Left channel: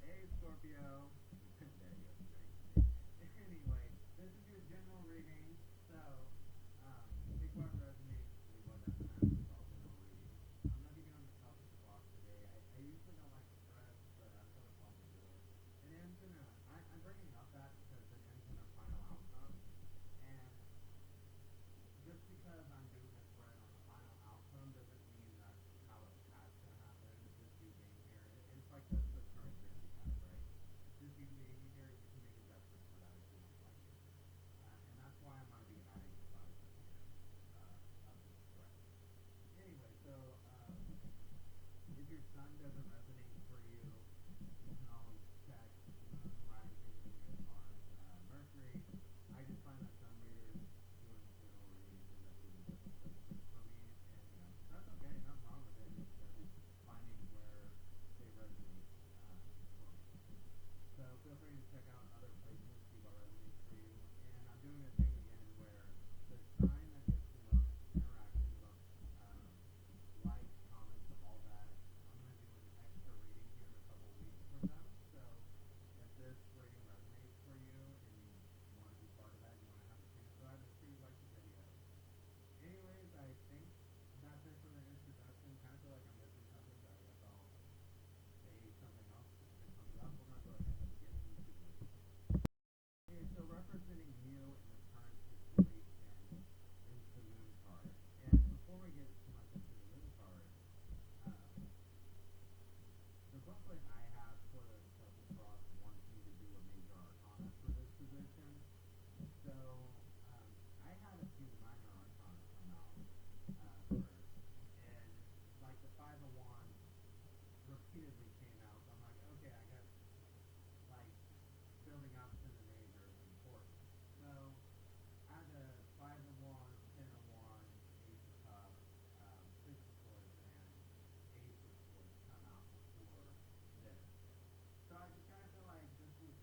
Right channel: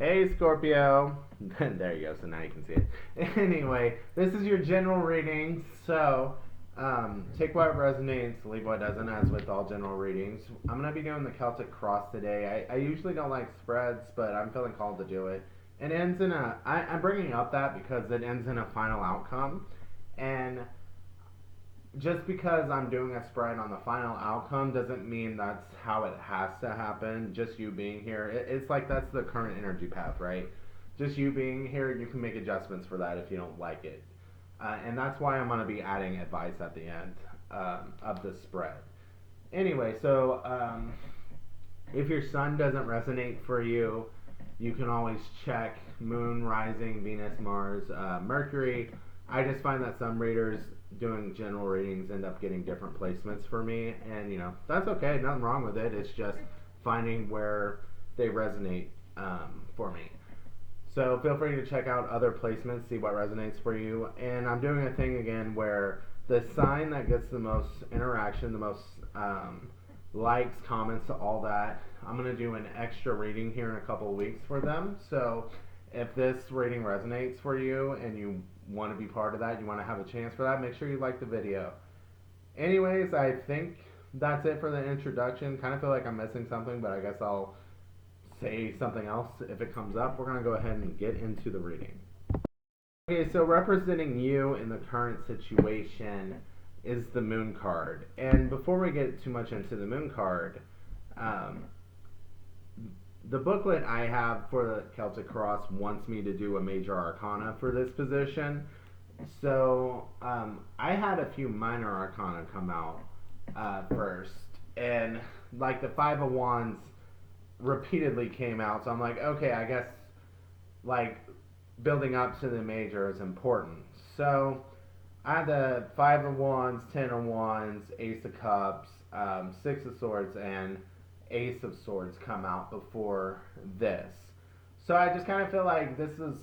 Hey Scorpio. There you go, so now you can see it. Anyway, this is your general reading, so take what resonates, leave what doesn't, as with all general readings. I'm going to be doing the Celtic Cross today. I usually don't like spreads, but I'm feeling called to do it. It ends in I'm bringing up that because it ends in a final outcome, and just because I'm doing a spread on the final outcome doesn't mean that's how it has to happen. Just you being here, it's like that's the current energy path, right? Just you being here, you can make adjustments for that if you don't like it. And that's why I'm going to be adding advice at the end of the spread. Anyway, so if your sun doesn't resonate for you, you can always check Moon, Rising, Venus, Mars, Mercury. I just find that some readers doing general readings end up getting different placements for me, and that's okay. Nothing wrong with it. It's just finding where they resonate for me. So feel free to check out other placements, see what resonates for you. And I'm doing a thing again where the sign that gets the most interaction, the most likes, comments, all that, I'm going to do an extra reading here in a couple of weeks for them. So if this reading resonates for you and you want to be part of that, you want to have a chance for that, make sure you like the video. Anyways, I think that's it for the introduction. Kind of feel like I'm missing something, but I guess I'll say something else if it comes up. We're going to go ahead and get into the reading. Okay, so representing you in the current situation is the Moon card. And before we get too much into the Moon card, the booklet I have for the Celtic Cross wants me to do a major arcana for this position. So I had a few minor arcana come out first. And like the Five of Wands repeatedly came out. So I'm like, okay, I guess like building up to the major is important. So I had the Five of Wands, Ten of Wands, Ace of Cups, Six of Swords, and Ace of Swords come out before this. So I just kind of feel like this is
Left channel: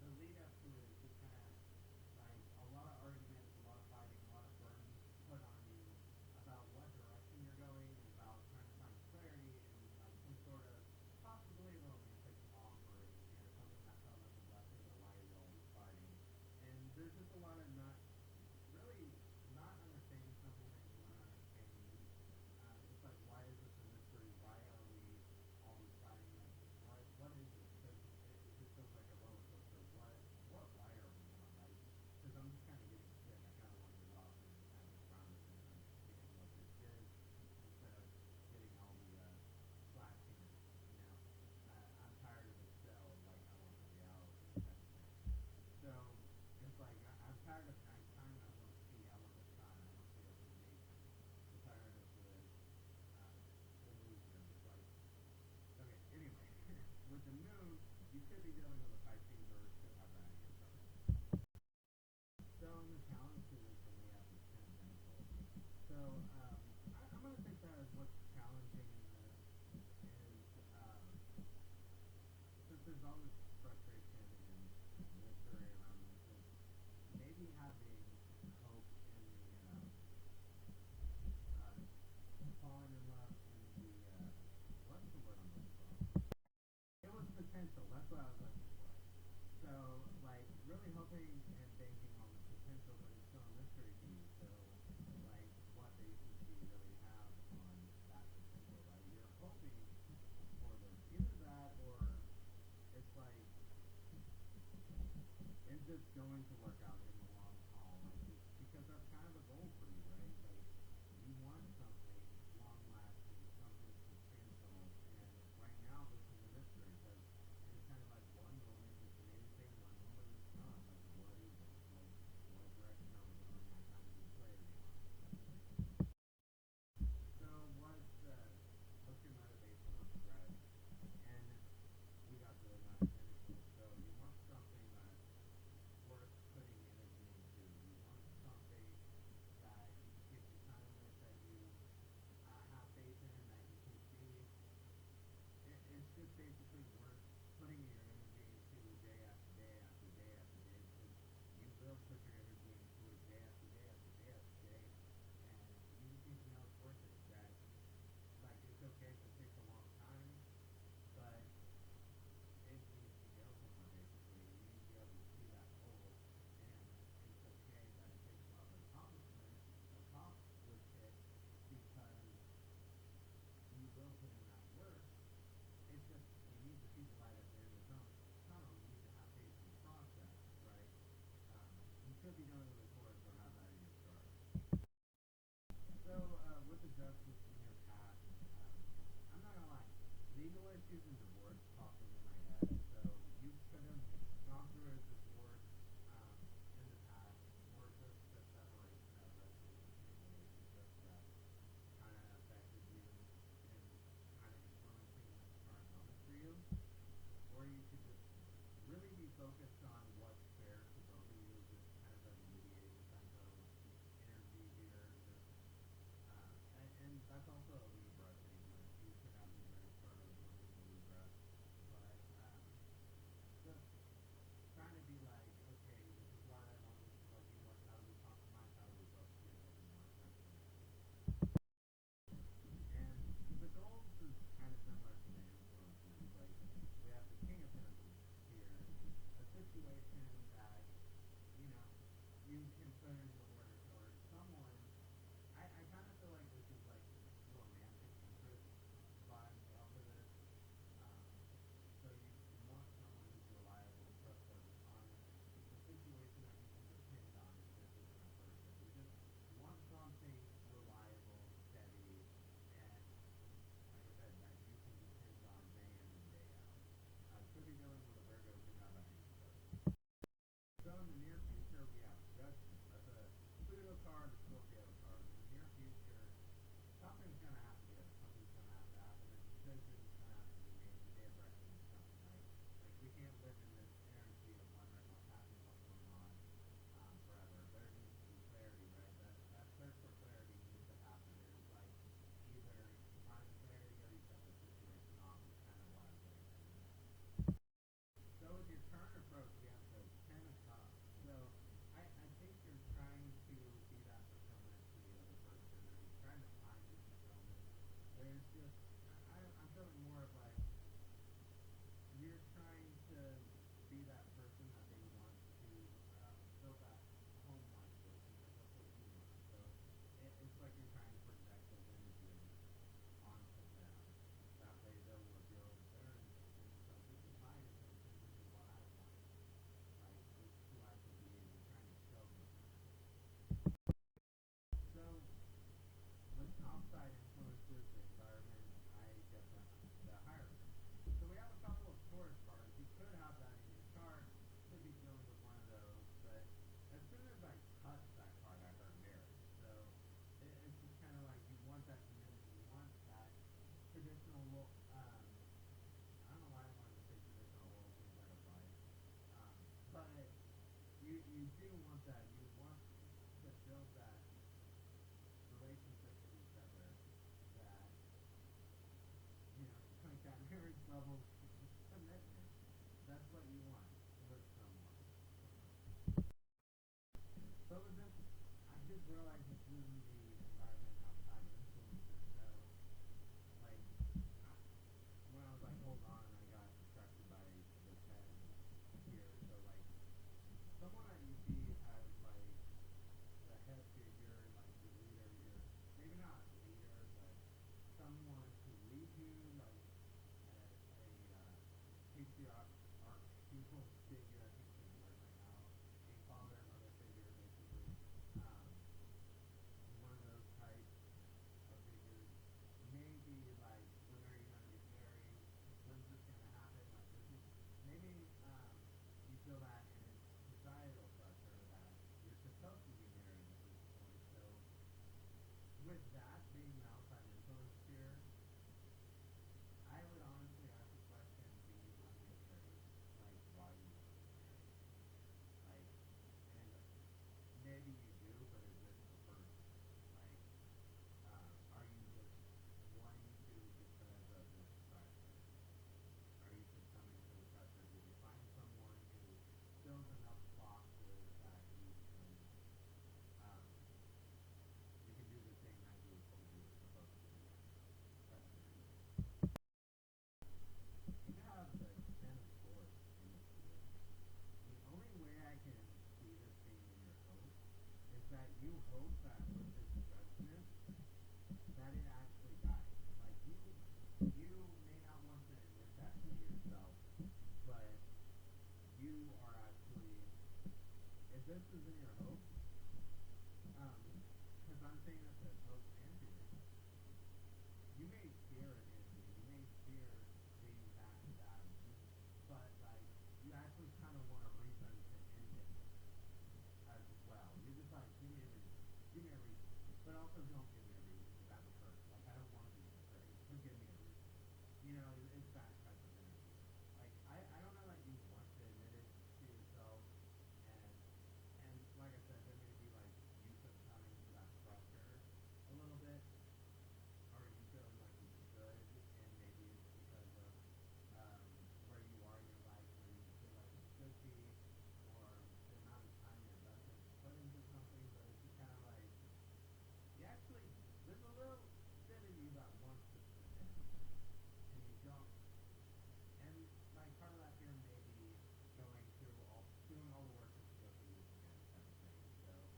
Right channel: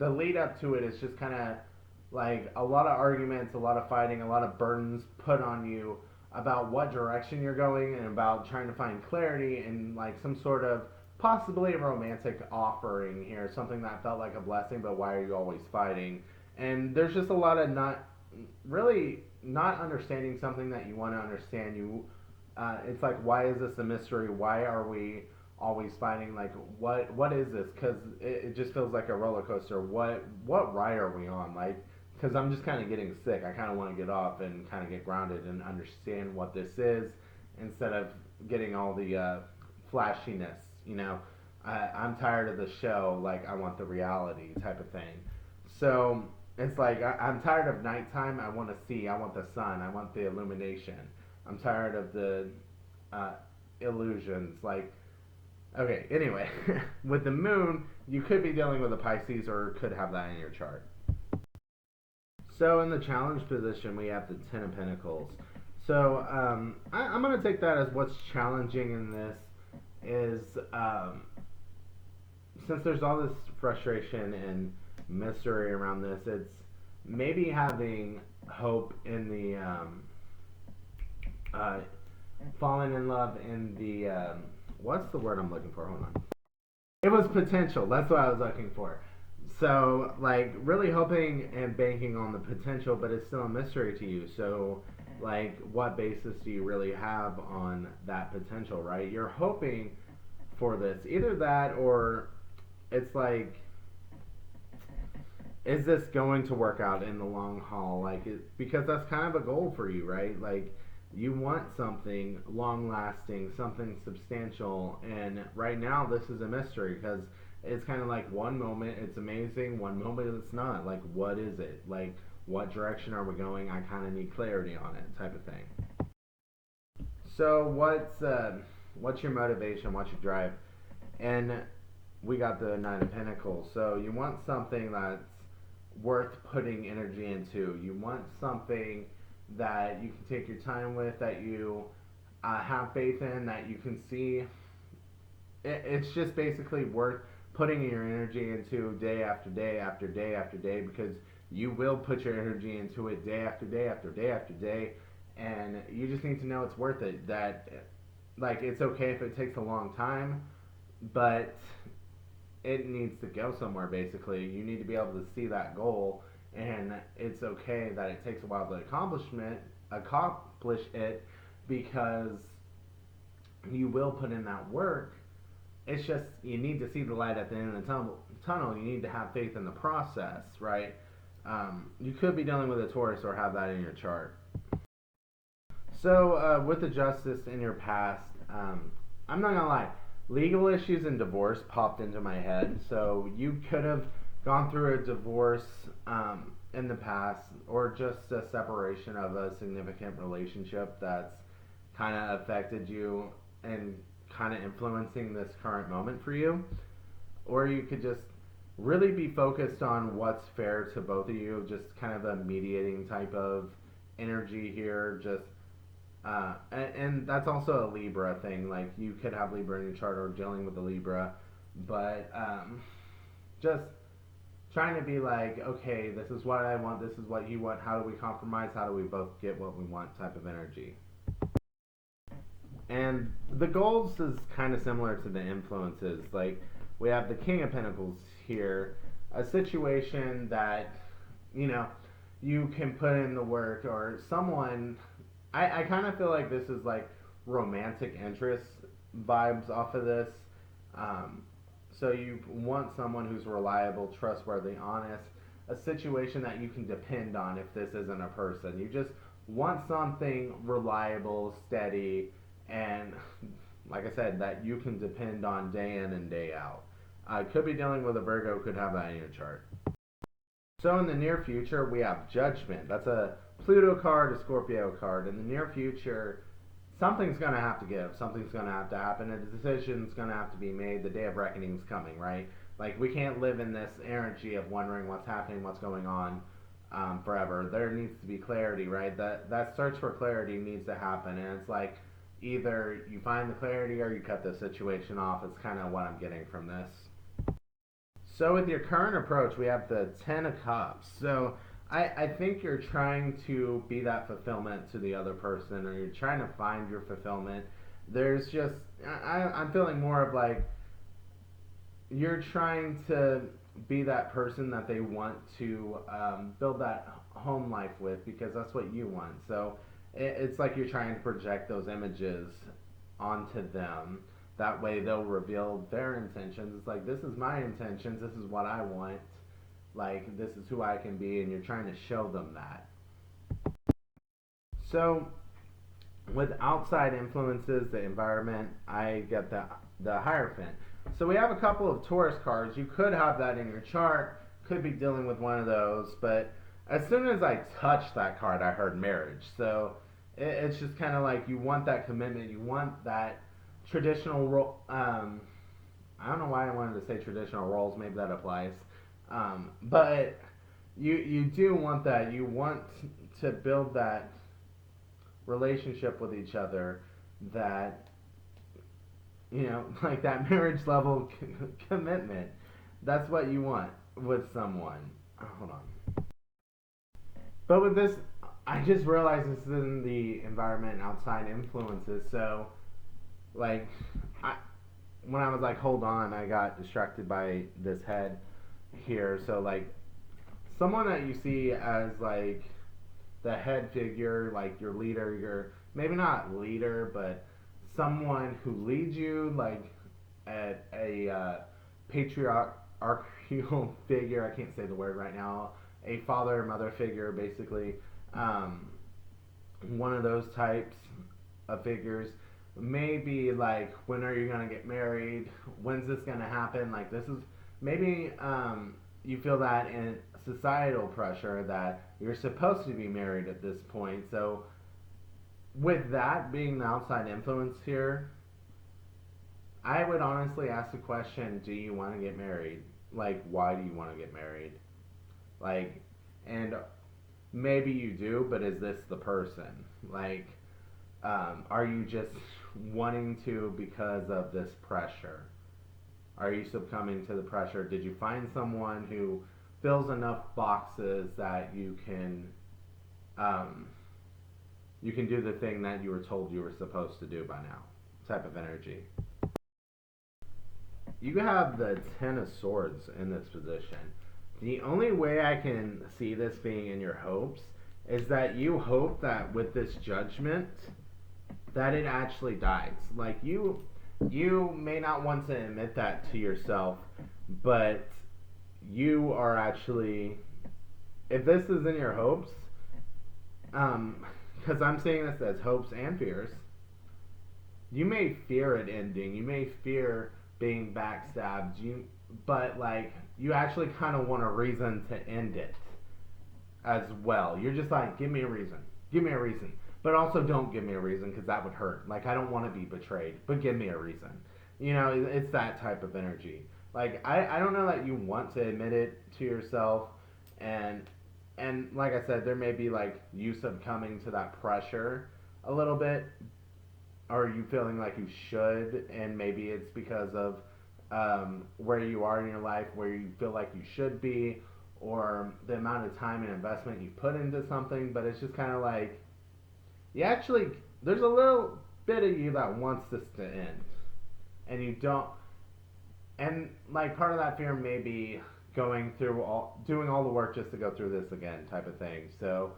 the lead up to it is just kind of like a lot of arguments, a lot of fighting, a lot of burdens put on you about what direction you're going and about trying to find clarity and like some sort of possibly a romantic offering here, something that felt like a blessing, but why are you always fighting? And there's just a lot of not understanding something that you want to understand. It's like, why is this a mystery? Why are we always fighting? Like, what is this? Because it just feels like a roller coaster. What ride are we on? Like, because I'm just kind of getting sick. I kind of want to get off and kind of get grounded and understand what this is instead of getting all the flashiness. I'm tired of the show. Like, I want the reality type of thing. So it's like I'm tired of nighttime. I want to see. I want the sun. I want the illumination. I'm tired of the illusions. Like, okay, anyway, with the moon, you could be dealing with a Pisces or could have that in your chart. So in the challenge position, we have the Ten of Pentacles. So I'm going to take that as what's challenging in this is since there's all this frustration and mystery around this, it's maybe having hope in the falling in love in the what's the word I'm looking for? Hold on. It was potential. That's what I was looking for. So like really hoping and banking on the potential, but it's still a mystery to you. So like what basis do you really have on that potential, right? You're hoping for this. Either that or it's like, is this going to work out in the long haul? Like, because that's kind of a goal for you, right? Like, you want something long lasting, something substantial, and right now this is a mystery because it's kind of like one moment it's amazing, one moment it's not. Like, what is it? Like, what direction are we going? I kind of need clarity on it, type of thing. So what's your motivation? What's your drive? And we got the Nine of Pentacles. So you want something that's worth putting energy into. You want something that you can take your time with, that you have faith in, that you can see. It's just basically worth putting your energy into day after day after day after day, because you will put your energy into it day after day after day after day, and you just need to know it's worth it. That, like, it's okay if it takes a long time, but it needs to go somewhere. Basically, you need to be able to see that goal, and it's okay that it takes a while to accomplish it, because you will put in that work. It's just you need to see the light at the end of the tunnel. You need to have faith in the process, right? You could be dealing with a Taurus or have that in your chart. So with the justice in your past, I'm not gonna lie, legal issues and divorce popped into my head. So you could have gone through a divorce in the past, or just a separation of a significant relationship that's kind of affected you and kind of influencing this current moment for you. Or you could just really be focused on what's fair to both of you, just kind of a mediating type of energy here. Just and that's also a Libra thing. Like you could have Libra in your chart or dealing with a Libra, but just trying to be like, okay, this is what I want, this is what you want. How do we compromise? How do we both get what we want? Type of energy. And the goals is kind of similar to the influences. Like we have the King of Pentacles here, a situation that you know you can put in the work, or someone. I kind of feel like this is like romantic interest vibes off of this. Um, so you want someone who's reliable, trustworthy, honest, a situation that you can depend on if this isn't a person. You just want something reliable, steady, and like I said, that you can depend on day in and day out. Could be dealing with a Virgo, could have that in your chart. So in the near future, we have Judgment. That's a Pluto card, a Scorpio card. In the near future, something's going to have to give. Something's going to have to happen. A decision's going to have to be made. The day of reckoning's coming, right? Like, we can't live in this energy of wondering what's happening, what's going on forever. There needs to be clarity, right? That search for clarity needs to happen. And it's like, either you find the clarity or you cut the situation off. It's kind of what I'm getting from this. So with your current approach, we have the Ten of Cups. So I think you're trying to be that fulfillment to the other person, or you're trying to find your fulfillment. There's just, I'm feeling more of like, you're trying to be that person that they want to build that home life with, because that's what you want. So it's like you're trying to project those images onto them. That way they'll reveal their intentions. It's like, this is my intentions, this is what I want, like, this is who I can be, and you're trying to show them that. So with outside influences, the environment, I get the Hierophant. So we have a couple of Taurus cards. You could have that in your chart, could be dealing with one of those, but as soon as I touched that card, I heard marriage. So it's just kind of like, you want that commitment, you want that traditional role. I don't know why I wanted to say traditional roles. Maybe that applies. But you do want that. You want to build that relationship with each other. That, like that marriage level commitment. That's what you want with someone. Hold on. But with this, I just realized this is in the environment and outside influences. So, like, when I was like, hold on, I got distracted by this head here. So, like, someone that you see as like the head figure, like your leader, your maybe not leader, but someone who leads you, like at a patriarchal figure. I can't say the word right now. A father or mother figure, basically. One of those types of figures. Maybe like, when are you gonna get married? When's this gonna happen? Like, this is maybe you feel that in societal pressure that you're supposed to be married at this point. So with that being the outside influence here, I would honestly ask the question, do you want to get married? Like, why do you want to get married? Like, and maybe you do, but is this the person? Like, are you just wanting to because of this pressure? Are you succumbing to the pressure? Did you find someone who fills enough boxes that you can do the thing that you were told you were supposed to do by now? Type of energy. you have the Ten of Swords in this position. The only way I can see this being in your hopes is that you hope that with this judgment that it actually dies. Like you may not want to admit that to yourself, but you are actually, if this is in your hopes, because I'm saying this as hopes and fears, you may fear it ending. You may fear being backstabbed. But like you actually kind of want a reason to end it as well. You're just like, give me a reason. Give me a reason. But also don't give me a reason because that would hurt. Like I don't want to be betrayed, but give me a reason. You know, it's that type of energy. Like I don't know that you want to admit it to yourself, and like I said, there may be like you succumbing to that pressure a little bit, or you feeling like you should, and maybe it's because of where you are in your life, where you feel like you should be, or the amount of time and investment you put into something. But it's just kind of like you actually, there's a little bit of you that wants this to end, and you don't. And like part of that fear may be doing all the work just to go through this again, type of thing. So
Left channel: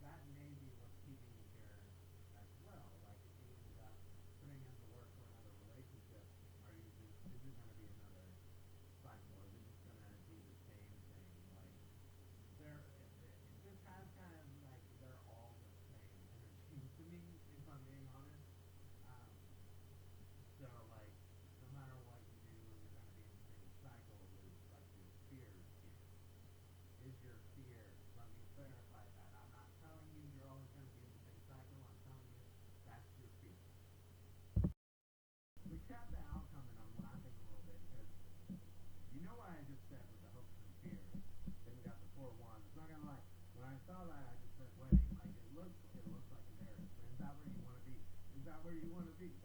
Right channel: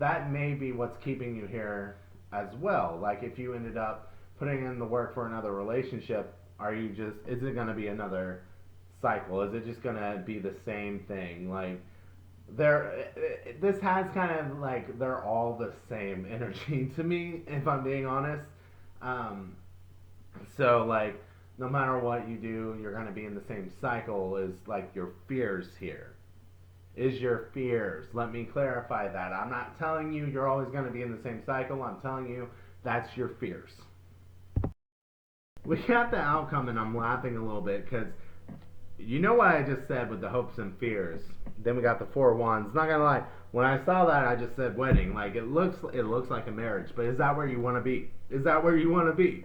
that may be what's keeping you here as well. Like if you ended up putting in the work for another relationship, is it going to be another cycle? Is it just going to be the same thing? Like this has kind of like they're all the same energy to me, if I'm being honest. So like no matter what you do, you're going to be in the same cycle as like your fears here. Is your fears. Let me clarify that. I'm not telling you you're always going to be in the same cycle. I'm telling you that's your fears. We got the outcome, and I'm laughing a little bit because you know what I just said with the hopes and fears. Then we got the Four of Wands. Not gonna lie, when I saw that, I just said wedding. Like it looks like a marriage, but is that where you want to be? Is that where you want to be?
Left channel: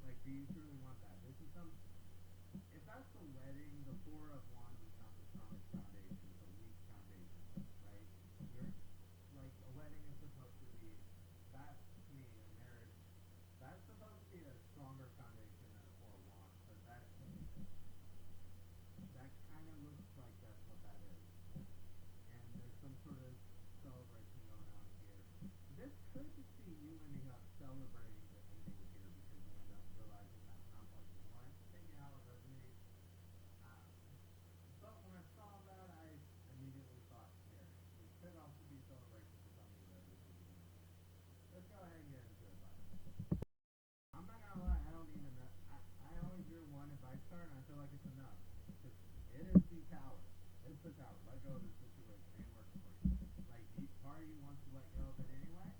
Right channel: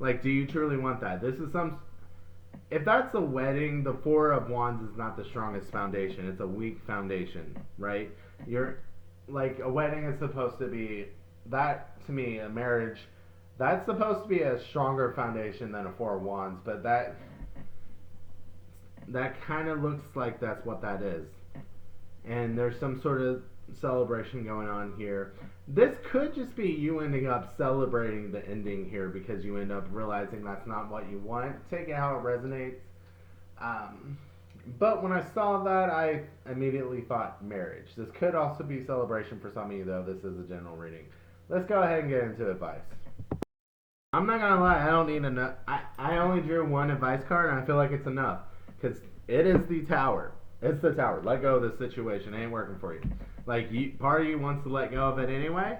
Like, do you truly want that? This is if that's a wedding, the Four of Wands is not the strongest foundation. It's a weak foundation, right? You're like a wedding is supposed to be that to me a marriage. That's supposed to be a stronger foundation than a Four of Wands, but that kind of looks like that's what that is. And there's some sort of celebration going on here. This could just be you ending up celebrating the ending here because you end up realizing that's not what you want. Take it how it resonates. But when I saw that, I immediately thought marriage. This could also be celebration for some of you, though. This is a general reading. Let's go ahead and get into advice. I'm not gonna lie, I don't need enough. I only drew one advice card, and I feel like it's enough because it is the Tower. It's the Tower. Let go of this situation. It ain't working for you. Like part of you wants to let go of it anyway.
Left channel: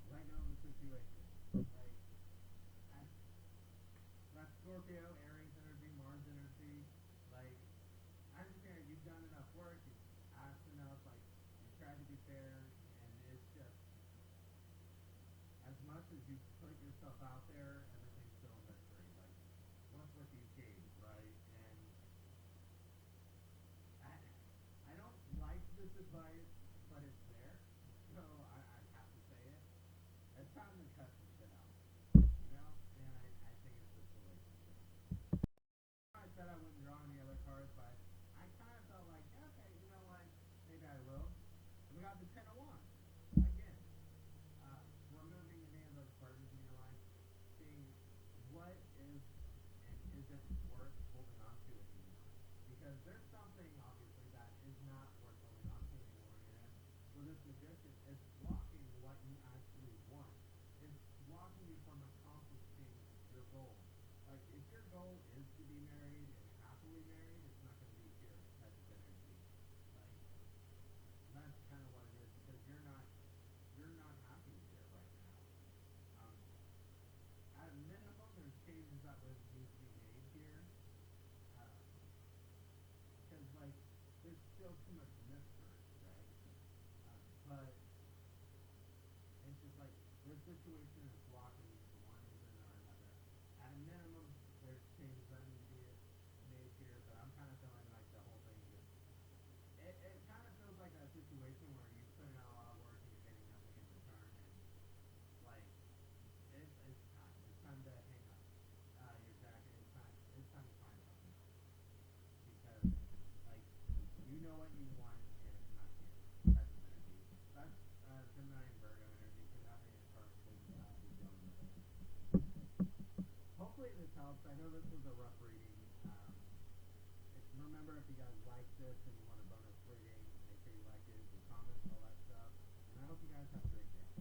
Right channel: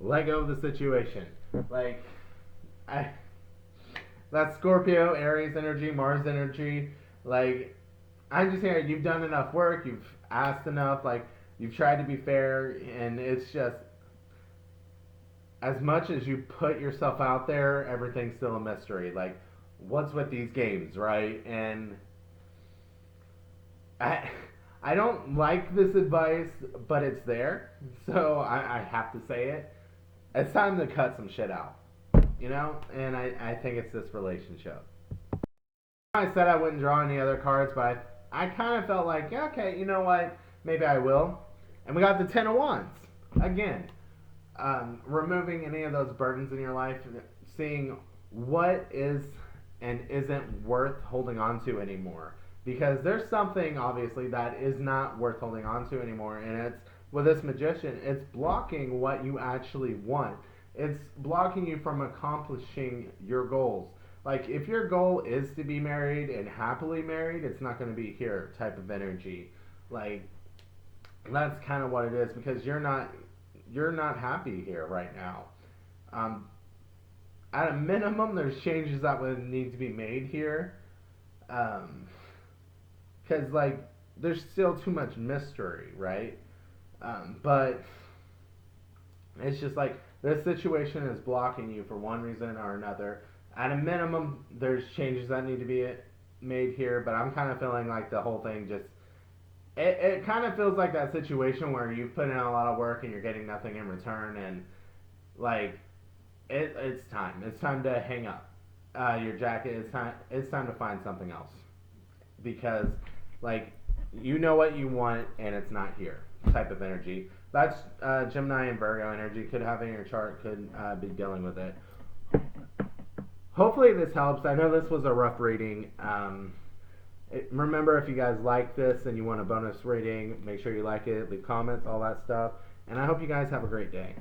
Let go of the situation. Like that's Scorpio, Aries energy, Mars energy. Like I'm just saying, you've done enough work. You've asked enough. Like you've tried to be fair, and it's just. As much as you put yourself out there, everything's still a mystery. Like, what's with these games, right? And I don't like this advice, but it's there, so I have to say it. It's time to cut some shit out, you know? And I think it's this relationship. I said I wouldn't draw any other cards, but I kind of felt like, yeah, okay, you know what? Maybe I will. And we got the Ten of Wands again. Removing any of those burdens in your life, seeing what is and isn't worth holding on to anymore. Because there's something, obviously, that is not worth holding on to anymore. And it's, with this Magician, it's blocking what you actually want. It's blocking you from accomplishing your goals. Like, if your goal is to be married and happily married, it's not going to be here type of energy. Like, that's kind of what it is, because you're not happy here right now. At a minimum, there's changes that would need to be made here. Because, like, there's still too much mystery, right? But it's just like this situation is blocking you for one reason or another. At a minimum, there's changes that need to be made here, but I'm kind of feeling like the whole thing just... It kind of feels like that situation where you put in a lot of work and you're getting nothing in return, and like it's time to hang up. your jacket, it's time to find something else, because like you know what you want and it's not here type of energy. That's Gemini and Virgo energy. Could have in your chart, could be dealing with it. Hopefully this helps. I know this was a rough reading. Remember, if you guys like this and you want a bonus reading, make sure you like it, leave comments, all that stuff. And I hope you guys have a great day.